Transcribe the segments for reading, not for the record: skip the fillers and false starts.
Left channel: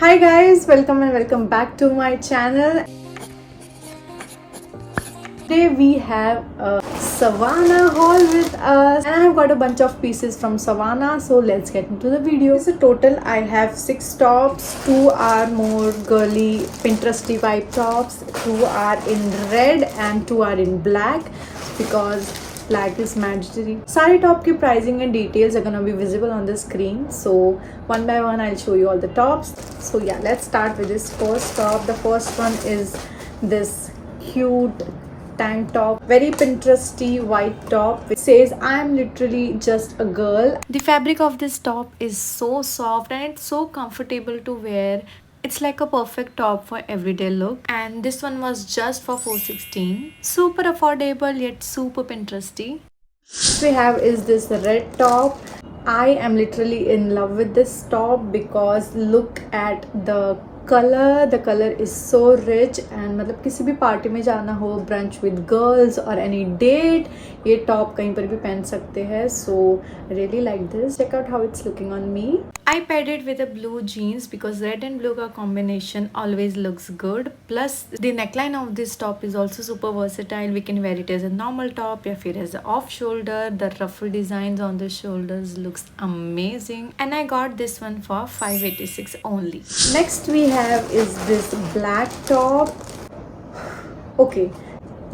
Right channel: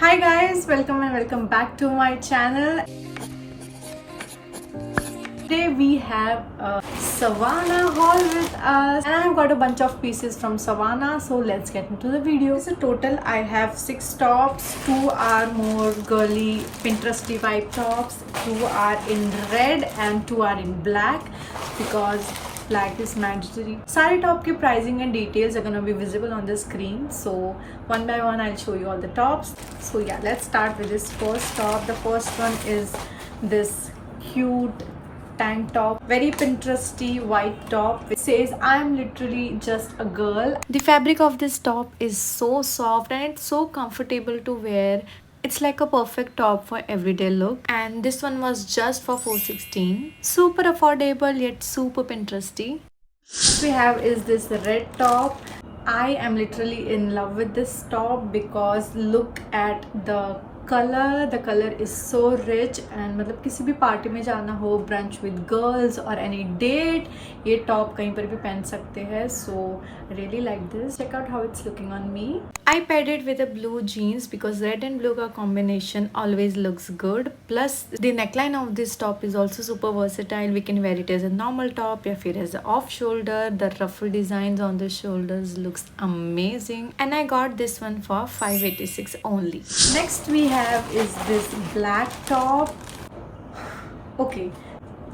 Hi guys, welcome and welcome back to my channel. Today we have a Savannah haul with us and I have got a bunch of pieces from Savannah, so let's get into the video. So total I have 6 tops. 2 are more girly Pinteresty vibe tops, 2 are in red and 2 are in black because black is mandatory. Sari top ki pricing and details are gonna be visible on the screen, so one by one I'll show you all the tops. So yeah, let's start with this first top. The first one is this cute tank top, very Pinteresty white top which says I am literally just a girl. The fabric of this top is so soft and it's so comfortable to wear. It's like a perfect top for everyday look, and this one was just for 416. Super affordable yet super Pinteresty. What we have is this red top. I am literally in love with this top because look at the color is so rich and मतलब किसी भी party में जाना हो, brunch with girls or any date, ये top कहीं पर भी पहन सकते हैं. So I really like this. Check out how it's looking on me. I paired it with a blue jeans because red and blue का combination always looks good. Plus the neckline of this top is also super versatile. We can wear it as a normal top या फिर as a off shoulder. The ruffle designs on the shoulders looks amazing and I got this one for 586 only. Next we have is this black top. Okay,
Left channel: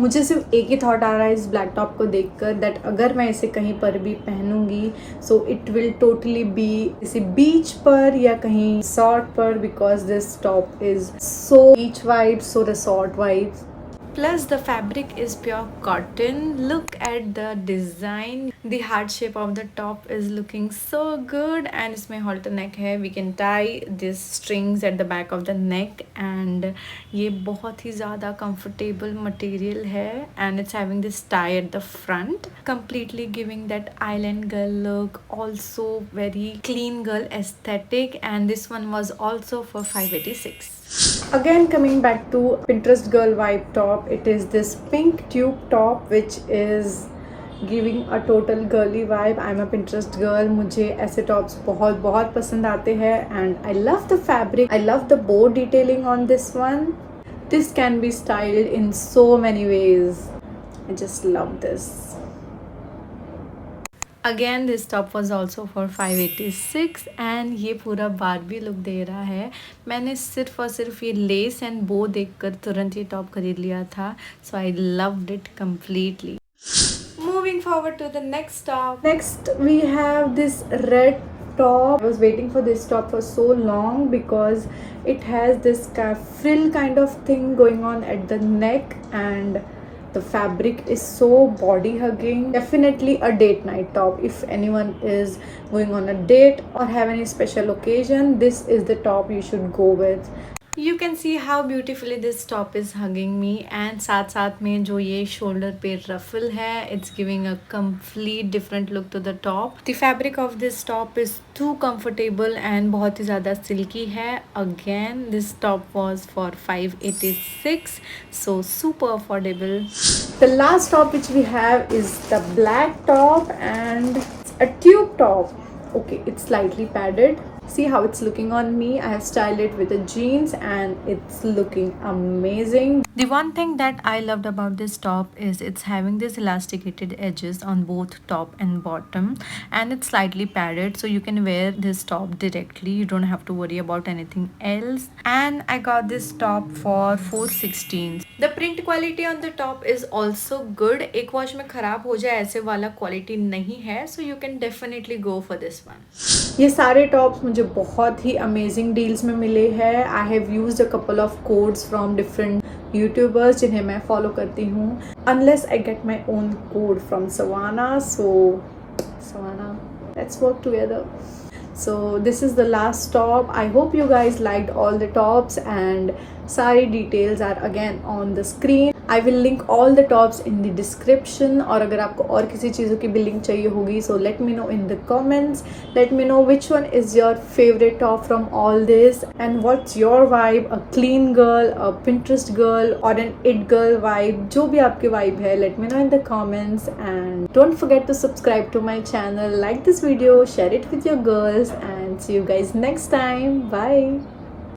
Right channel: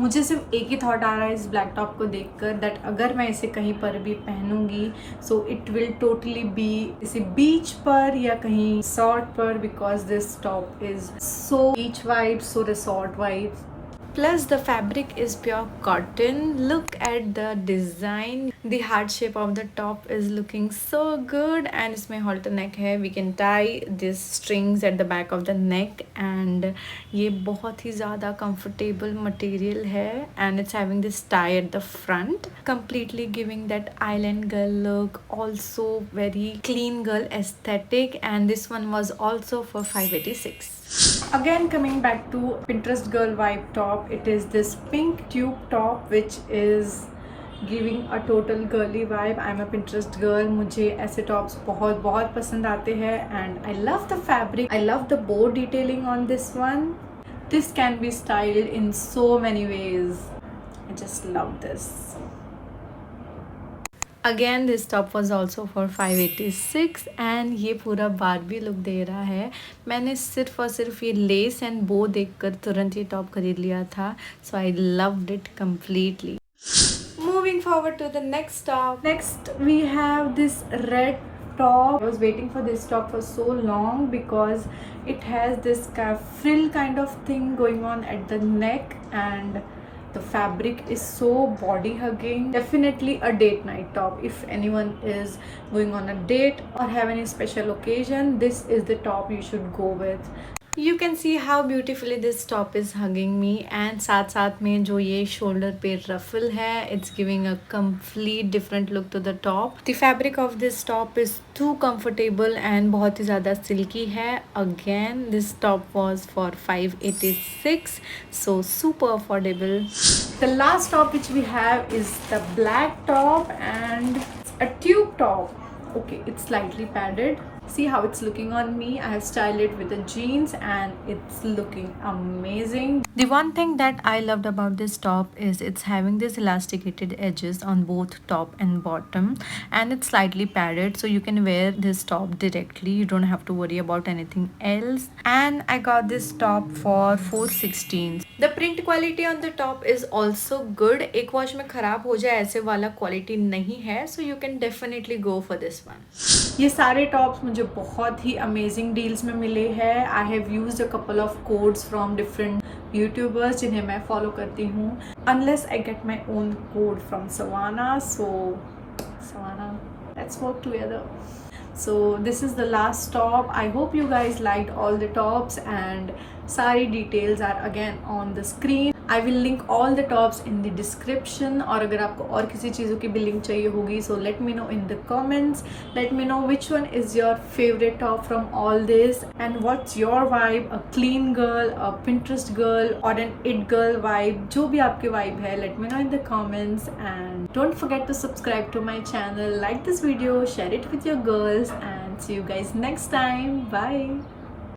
मुझे सिर्फ एक ही thought आ रहा है इस black top को देखकर, दैट अगर मैं इसे कहीं पर भी पहनूंगी so it will totally be इसे बीच पर या कहीं रिसॉर्ट पर, because this top is so beach vibe, so resort vibe. Plus the fabric is pure cotton. Look at the design. The heart shape of the top is looking so good and इसमें halter neck है. We can tie these strings at the back of the neck and ये बहुत ही ज़्यादा comfortable material है and it's having this tie at the front, completely giving that island girl look. Also very clean girl aesthetic, and this one was also for 586. Again, coming back to Pinterest girl vibe top, it is this pink tube top which is giving a total girly vibe. I'm a Pinterest girl. मुझे ऐसे tops बहुत बहुत पसंद आते हैं and I love the fabric. I love the bow detailing on this one. This can be styled in so many ways. I just love this. Again this top was also for 586 and ये पूरा Barbie look दे रहा है. मैंने सिर्फ और सिर्फ ये less and बो देखकर तुरंत ये टॉप खरीद लिया था. So I loved it completely. Moving forward to the next top. Next we have this red top. I was waiting for this top for so long because it has this frill kind of thing going on at the neck and the fabric is so body hugging. Definitely a date night top. If anyone is going on a date or have any special occasion, this is the top you should go with. You can see how beautifully this top is hugging me, and साथ साथ में जो ये shoulder पे ruffle है, it's giving a complete different look to the top. The fabric of this top is too comfortable and बहुत ही ज़्यादा silky है. Again this top was for 586, so super affordable. The last top which we have is the black top and a tube top. Okay, it's slightly padded. See how it's looking on me. I have styled it with the jeans and it's looking amazing. The one thing that I loved about this top is it's having this elasticated edges on both top and bottom, and it's slightly padded so you can wear this top directly. You don't have to worry about anything else. And I got this top for 416. The print quality on the top is also good. एक wash में खराब हो जाए ऐसे वाला quality नहीं है, so you can definitely go for this one. ये सारे टॉप्स मुझे बहुत ही अमेजिंग डील्स में मिले हैं. I have used a couple of codes from different YouTubers जिन्हें मैं फॉलो करती हूँ. Unless I get my own code from Savannah, so Savannah, let's work together. So this is the last top. I hope you guys liked all the tops and sari details are again on the screen. I will link all the tops in the description. और अगर आपको और किसी चीज़ों की भी link चाहिए होगी, so let me know in the comments. Let me know which one is your favorite top from all this and what's your vibe, a clean girl, a Pinterest girl or an it girl vibe. जो भी आपकी vibe है, let me know in the comments and don't forget to subscribe to my channel, like this video, share it with your girls and see you guys next time. Bye.